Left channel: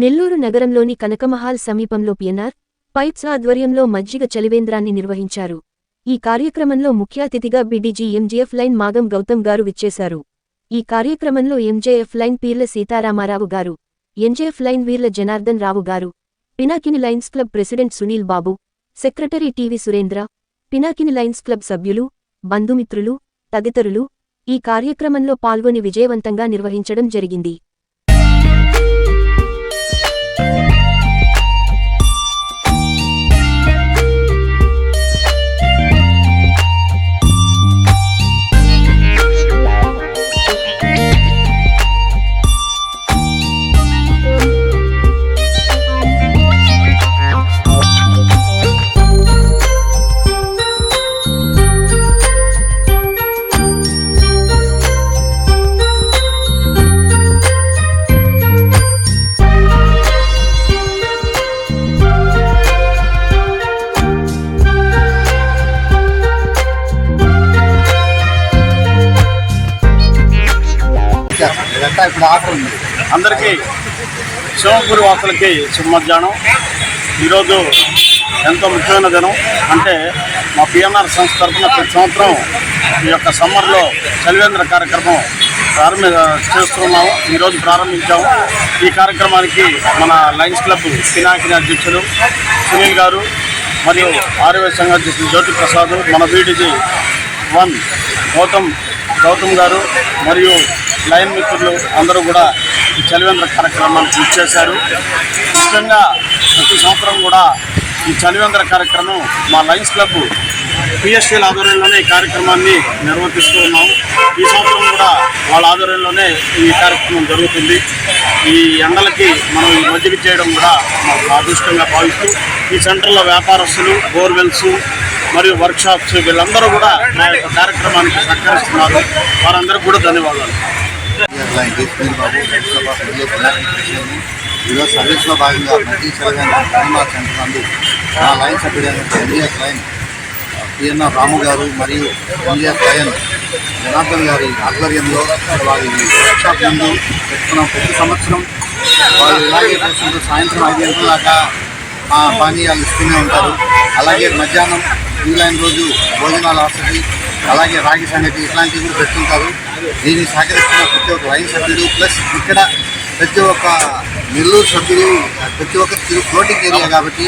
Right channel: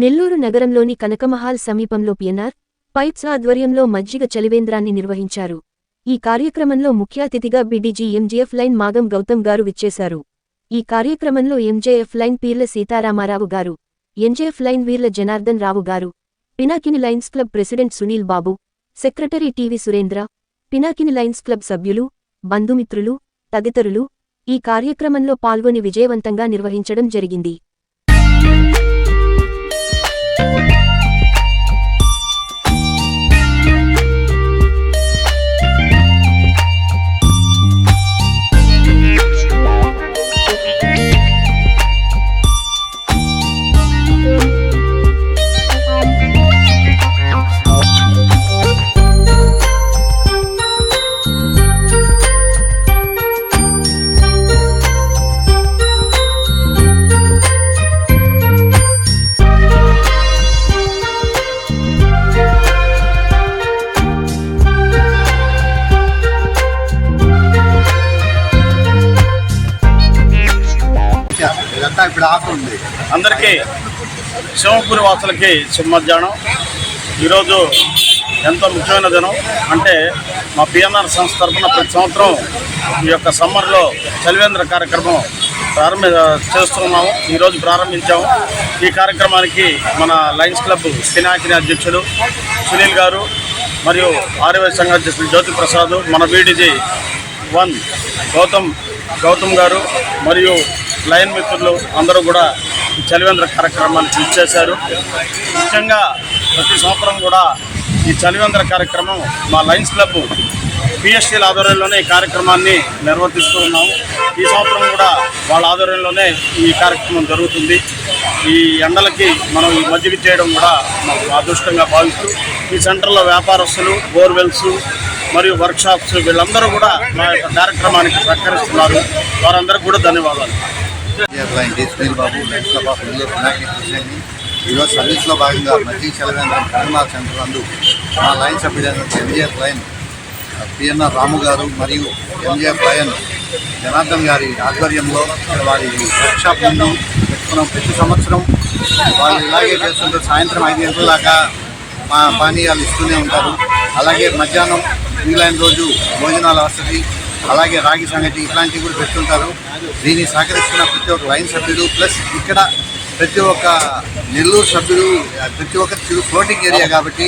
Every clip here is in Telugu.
నెల్లూరు నగరంలోని కనకమహాల్ సమీపంలో పిఎన్ఆర్ పైప్స్ ఆధ్వర్యంలో మజ్జిగ చలివేంద్రాన్ని నిర్వహించారు. ఈ కార్యక్రమంలో ముఖ్య అతిథిగా BDG MGF lion Magam Gautam గారు విచ్చేశారు. ఈ కార్యక్రమంలో ఎంజేఎఫ్ లైన్ పీర్ల సీతారామారావు గారు MJF lion Veerla Janardhan Rao garu Pinakini lions club president Sunil Babu secretary TV Surendra Pinakini lions club సభ్యులు బంధుమిత్రులు తదితరులు ఈ కార్యక్రమంలో పాల్గొని విజయవంతంగా నిర్వహించడం జరిగింది. ఇదంతా ఇప్పుడు ఆఫర్ ఉంది. అందరికీ శివపురి వాసులకి శుభ మధ్యాహ్నం ఈరోజు ఎంతో ముఖ్యమైన దినం. అంటే మా పిఎన్ఆర్ సంస్థ తరఫున ప్రతి సంవత్సరం ఈ యొక్క సమ్మర్లో చలివేంద్ర కార్యక్రమం ప్రారంభ చేస్తున్నాము. ఈరోజు ప్రారంభించాము. ఈ కార్యక్రమానికి మన లయన్స్ క్లబ్ పినాకిని అధ్యక్షులు సునీల్ గారు మరియు ఆర్యవై సంఘ అధ్యక్షులు జ్యోతి ప్రసాద్ మన బీడీజీ వన్ గౌతమ్ గౌతమ్ గారు మరియు లయన్ మిత్రులు అందరూ కూడా ఈ చలివేంద్ర కార్యక్రమానికి చేశారు ముఖ్యంగా ప్రతి సంవత్సరం కూడా ఈ చలివేంద్ర కార్యక్రమం మా లయన్స్ క్లబ్ పిఎస్టీల ఆధ్వర్యంలోనే ఈ కార్యక్రమాన్ని నిర్వర్తిస్తూ ఉన్నాము. ఈ సంవత్సరం కూడా వాళ్ళ ఆధ్వర్యంలోనే ఈ కార్యక్రమం జరుగుతుంది. ఈ ఎండలకి మనం ఈ మజ్జిగ చేయడం కూడా మాకు అదృష్టంగా భావిస్తూ ఈ సెంటర్లో వ్యాపారస్తులు బోర్వెల్స్ మరియు వర్క్షాప్స్ వీళ్ళందరూ కూడా మా యొక్క కార్యక్రమానికి సహకరిస్తున్నారు. వారందరికీ కూడా ధన్యవాదాలు. లైన్ బాబు ఈరోజు సర్వీస్లో భాగంగా మధ్య చలవేంద్రం కరీంనాథ్ సెంటర్ నందు మా లైన్ సభ్యుడైన ఎంజిఎఫ్ లైన్ పిఎన్ఆర్ రాము గారు మరియు ఎంజిఎఫ్ లైన్ జనార్దన్ గారి ఆధ్వర్యంలో వారి వర్క్షాప్ ముందు పెట్టుకున్నాం ప్రతి సంవత్సరం వాళ్ళు ఇలాగే చేస్తుంటారు సాయంత్రం ఐదు గంటల దాకా మా పానీయాలు ఇస్తూనే ఉంటారు అలాగే మధ్యాహ్నం ఇంగ్లాండ్ రోజు భోజనాల వసతి అలాగే రాగి సంగతి ఇట్లాంటివి కూడా పెడుతుంటారు. దీన్ని సహకరిస్తున్న ప్రతి ఒక్క లైన్ సభ్యుడు ప్లస్ ఇక్కడ ప్రతి ఒక్క నెల్లూరు సభ్యుడు ప్రతి ఒక్క తిరు ఫ్లోటింగ్ ఏరియా కాబట్టి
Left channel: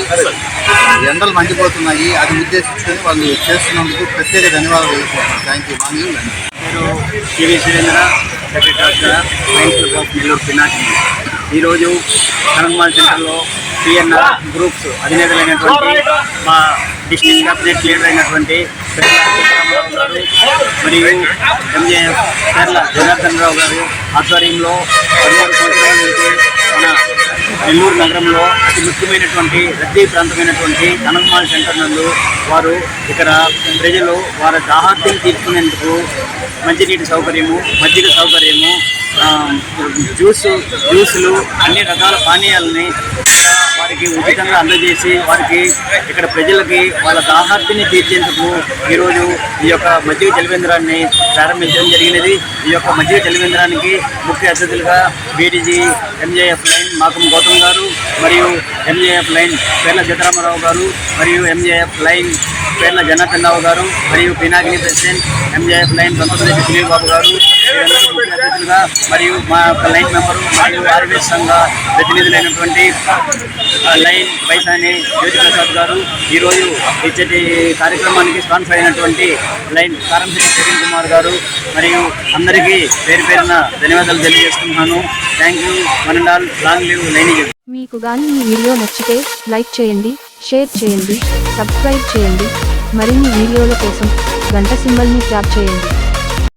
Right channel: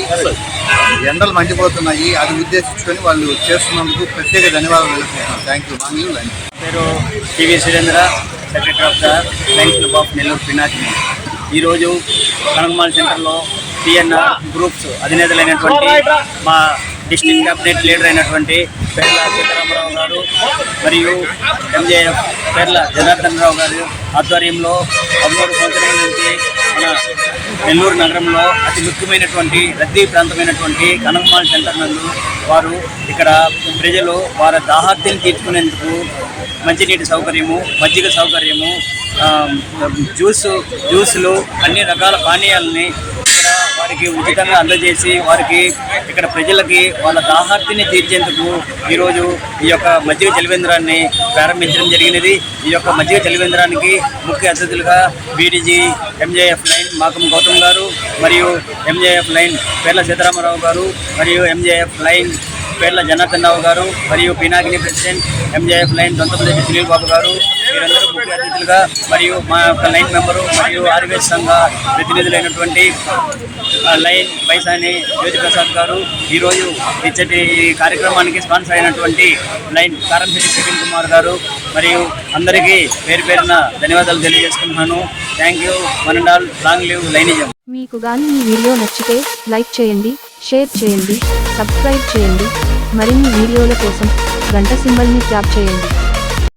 ఎండలు మండిపోతున్నాయి. అది ఉద్దేశించుకొని వాళ్ళు చేస్తున్నందుకు ప్రత్యేక ధన్యవాదాలు తెలుపుకుంటున్నాను థ్యాంక్ యూ మాంగ్యూ lunch TV Surendra secretary of the club of Nellore Pinaki ఈరోజు కనకమాల సెంటర్లో సిఎన్ఆర్ గ్రూప్స్ అధినేతలైనటువంటి మా డిస్ట్రిక్ట్ క్యాబినెట్ లీడర్ అయినటువంటి కేరళ సీతారామరావు గారు మరియు ఎంజేఎఫ్ కేరళ జనార్దన్ రావు గారు ఆధ్వర్యంలో పదమూడు సంవత్సరాల నుంచి మన నెల్లూరు నగరంలో అతి ముఖ్యమైనటువంటి రద్దీ ప్రాంతమైనటువంటి కనకమాల సెంటర్ నందు వారు ఇక్కడ ప్రజలు వారి దాహార్తిని తీర్చుకునేందుకు మంచినీటి సౌకర్యము మజ్జిగ సౌకర్యము ఆ, జ్యూస్ జ్యూసులు అన్ని రకాల పానీయాలని వారికి ఉచితంగా అందజేసి వారికి ఇక్కడ ప్రజలకి వాళ్ళ దాహార్తిని తీర్చేందుకు ఈరోజు ఈ యొక్క మజ్జిగ చలివేంద్రాన్ని ప్రారంభించడం జరిగినది. ఈ యొక్క మజ్జిగ చలివేంద్రానికి ముఖ్య అతిథులుగా BDG MJF lion Makam Gautam garu మరియు ఎంజేఎఫ్ లైన్ కేరళ సీతారామరావు గారు మరియు ఎంజేఎఫ్ లైన్ పేర్ల జనార్దన్ రావు గారు మరియు Pinakini president MJF lion Dontapalli Sunil Babu garu. వీరందరూ ముఖ్య అతిథులుగా మరియు మా యొక్క లైన్ మెంబరు మరియు ఆర్వీఎస్ సంఘ ప్రతినిధులైనటువంటి లైన్ వైసాని జ్యోతి ప్రసాద్ గారు ఈరోజు ఇచ్చటి కార్యక్రమానికి స్పాన్సర్ అయినటువంటి లైన్ కారంశెట్టి ప్రవీణ్ కుమార్ గారు. మరియు అందరికీ పేరు పేరున ధన్యవాదాలు తెలియజేసుకుంటున్నాను. Thank you one and all long live lionism. మీకు కానీ ఈ వీడియో నచ్చితే లైక్ చేయండి షేర్ చేయండి సబ్స్క్రైబ్ చేయండి. మరిన్ని వీడియోల కోసం గంట సింబల్ని ట్యాప్ చేయండి.